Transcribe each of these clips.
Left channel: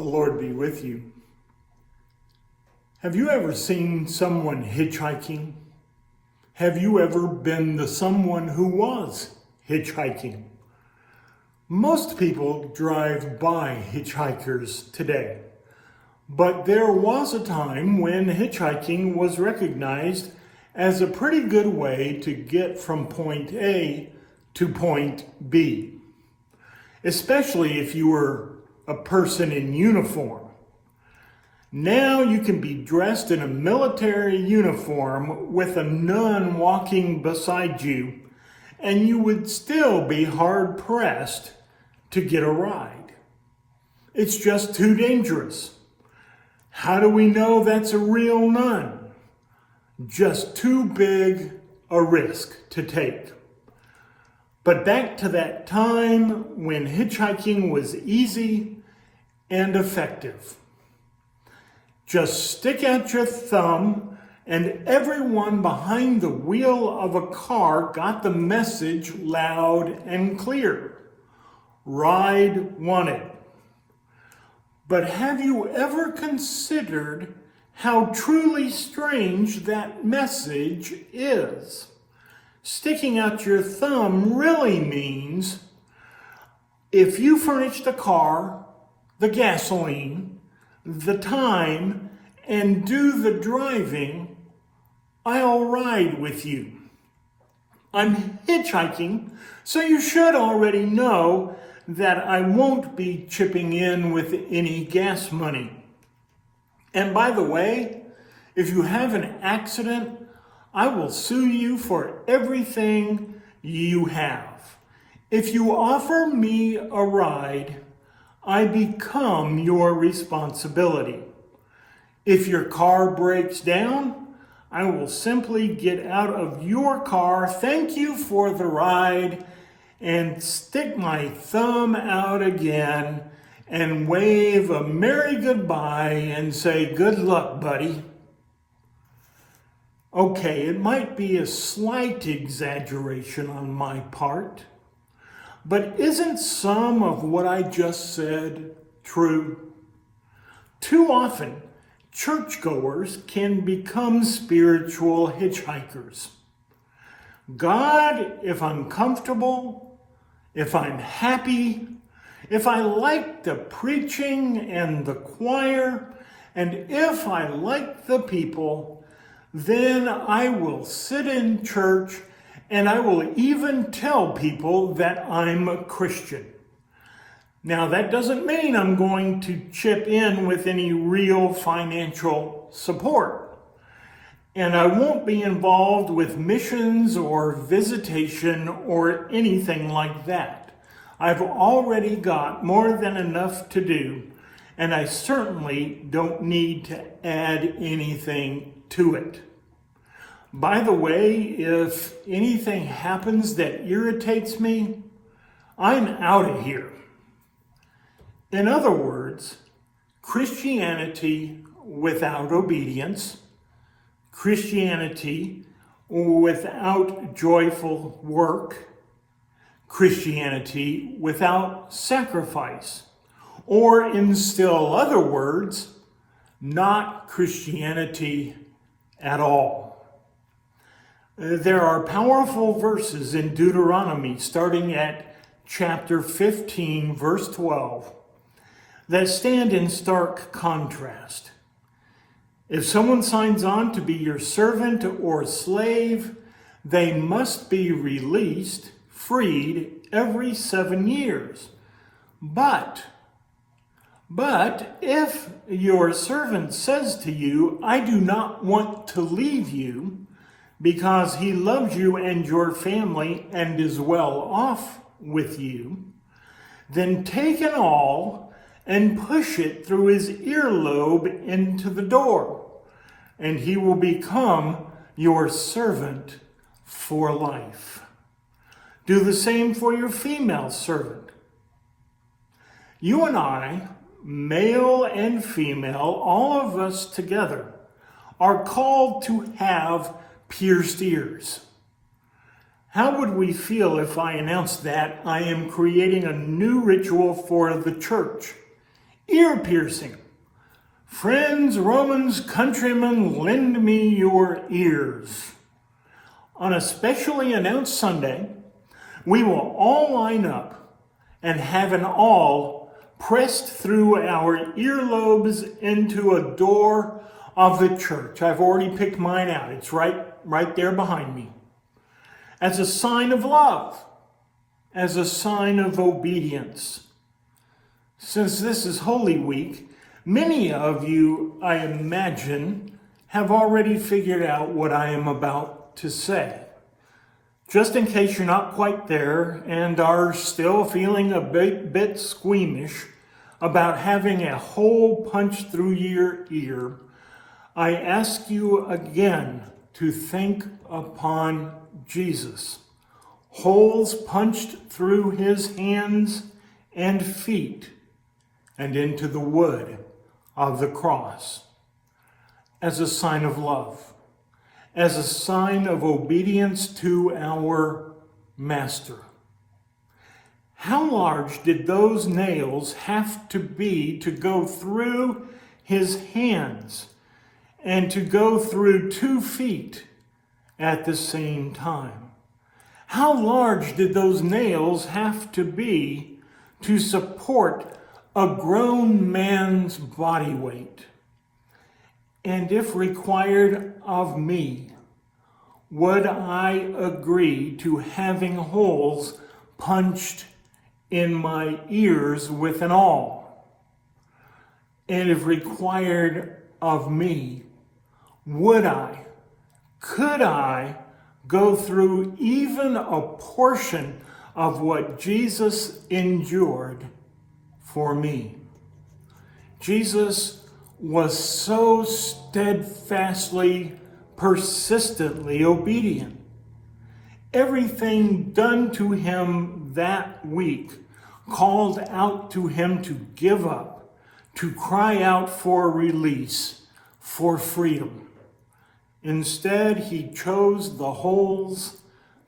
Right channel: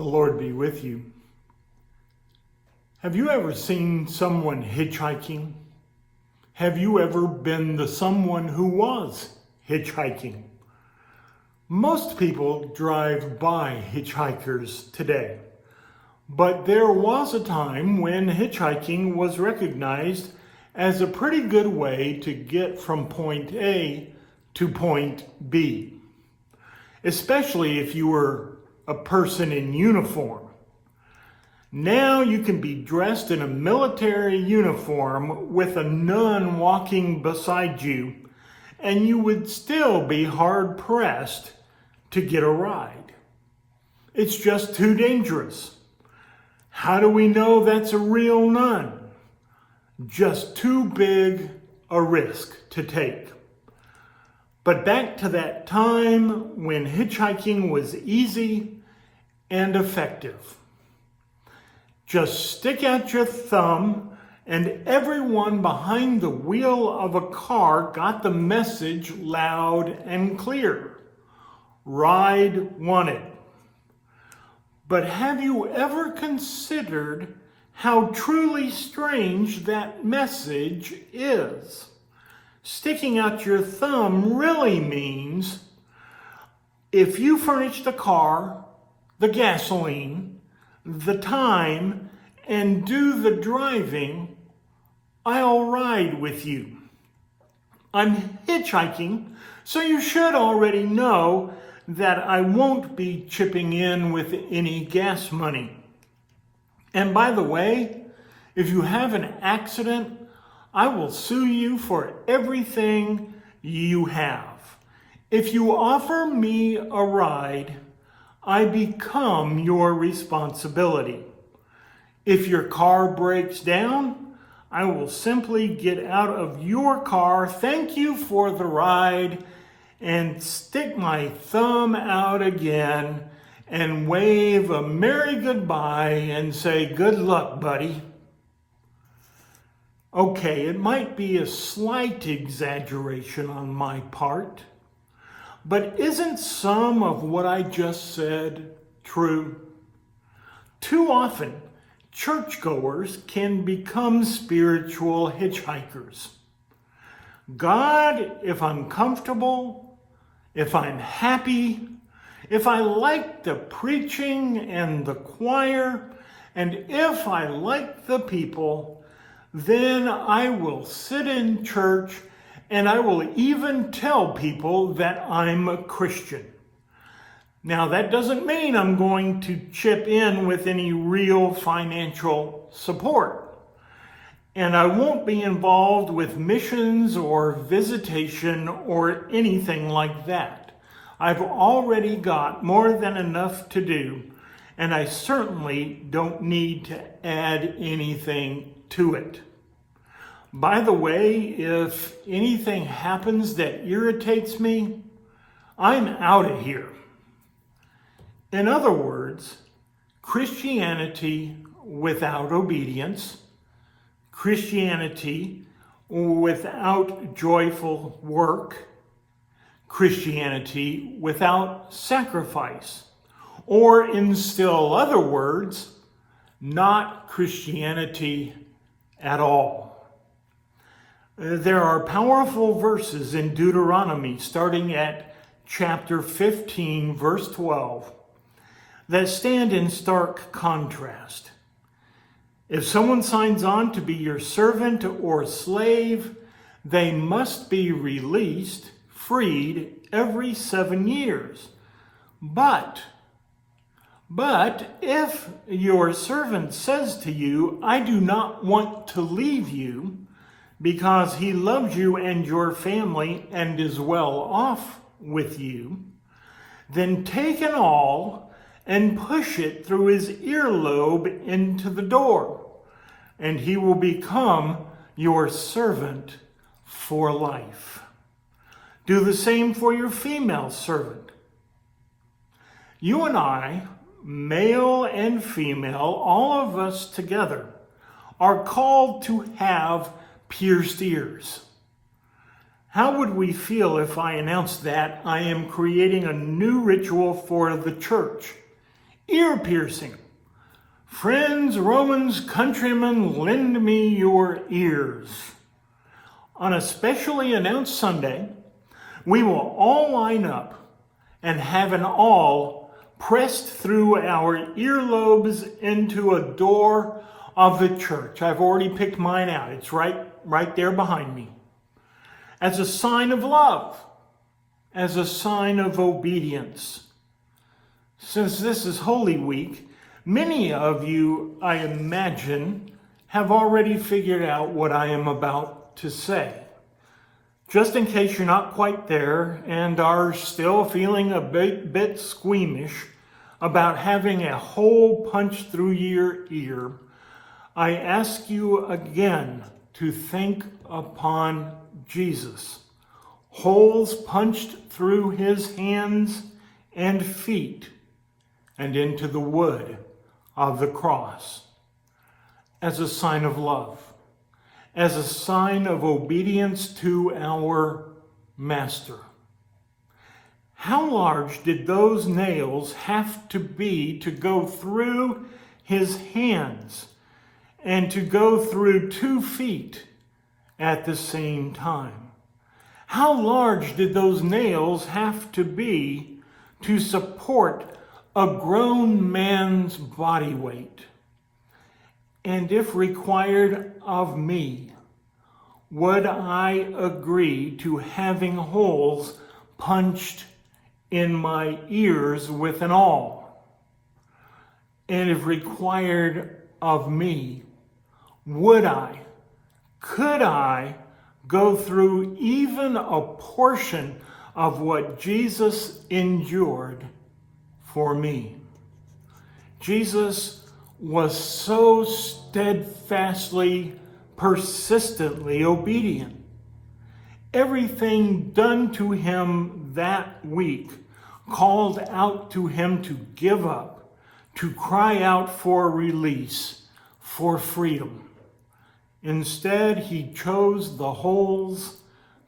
The Lord be with you. Have you ever seen someone hitchhiking? Have you ever been the someone who was hitchhiking? Most people drive by hitchhikers today, but there was a time when hitchhiking was recognized as a pretty good way to get from point A to point B, especially if you were a person in uniform. Now you can be dressed in a military uniform with a nun walking beside you, and you would still be hard-pressed to get a ride. It's just too dangerous. How do we know that's a real nun? Just too big a risk to take. But back to that time when hitchhiking was easy and effective. Just stick out your thumb and everyone behind the wheel of a car got the message loud and clear. Ride wanted. But have you ever considered how truly strange that message is? Sticking out your thumb really means if you furnish the car, the gasoline, the time, and do the driving, I'll ride with you. I'm hitchhiking, so you should already know that I won't be chipping in with any gas money. And by the way, if you have an accident, I will sue you for everything you have. If you offer me a ride, I become your responsibility. If your car breaks down, I will simply get out of your car, thank you for the ride, and stick my thumb out again and wave a merry goodbye and say, good luck, buddy. Okay, it might be a slight exaggeration on my part, but isn't some of what I just said true? Too often, churchgoers can become spiritual hitchhikers. God, if I'm comfortable, if I'm happy, if I like the preaching and the choir, and if I like the people, then I will sit in church and I will even tell people that I'm a Christian. Now, that doesn't mean I'm going to chip in with any real financial support. And I won't be involved with missions or visitation or anything like that. I've already got more than enough to do, and I certainly don't need to add anything to it. By the way, if anything happens that irritates me, I'm out of here. In other words, Christianity without obedience, Christianity without joyful work, Christianity without sacrifice, or in still other words, not Christianity at all. There are powerful verses in Deuteronomy starting at chapter 15, verse 12, that stand in stark contrast. If someone signs on to be your servant or slave, they must be released, freed every 7 years. But if your servant says to you, I do not want to leave you, because he loves you and your family and is well off with you, then take an awl and push it through his earlobe into the door, and he will become your servant for life. Do the same for your female servant. You and I, male and female, all of us together, are called to have pierced ears. How would we feel if I announced that I am creating a new ritual for the church? ear-piercing. Friends, Romans, countrymen, lend me your ears. On a specially announced Sunday, we will all line up and have an awl pressed through our earlobes into a door of the church. I've already picked mine out. It's right there behind me. As a sign of love, as a sign of obedience. Since this is Holy Week, many of you, I imagine, have already figured out what I am about to say. Just in case you're not quite there and are still feeling a bit squeamish about having a hole punched through your ear, I ask you again to think upon Jesus. Holes punched through his hands and feet and into the wood of the cross as a sign of love, as a sign of obedience to our Master. How large did those nails have to be to go through his hands and to go through 2 feet at the same time? How large did those nails have to be to support a grown man's body weight? And if required of me, would I agree to having holes punched in my ears with an awl? And if required of me, could I go through even a portion of what Jesus endured for me? Jesus was so steadfastly, persistently obedient. Everything done to him that week called out to him to give up, to cry out for release, for freedom. Instead, he chose the holes,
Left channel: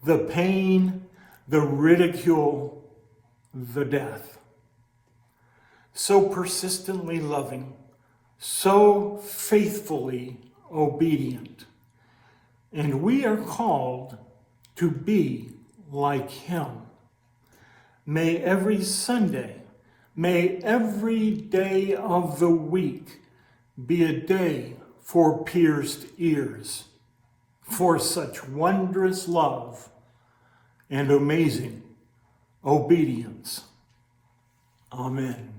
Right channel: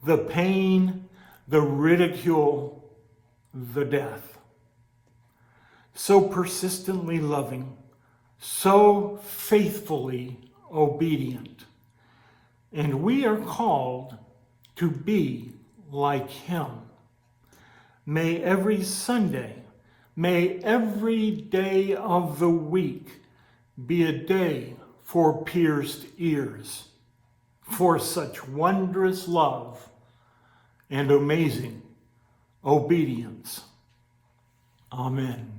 the pain, the ridicule, the death. So persistently loving, so faithfully obedient. And we are called to be like him. May every Sunday, may every day of the week be a day for pierced ears, for such wondrous love and amazing obedience. Amen.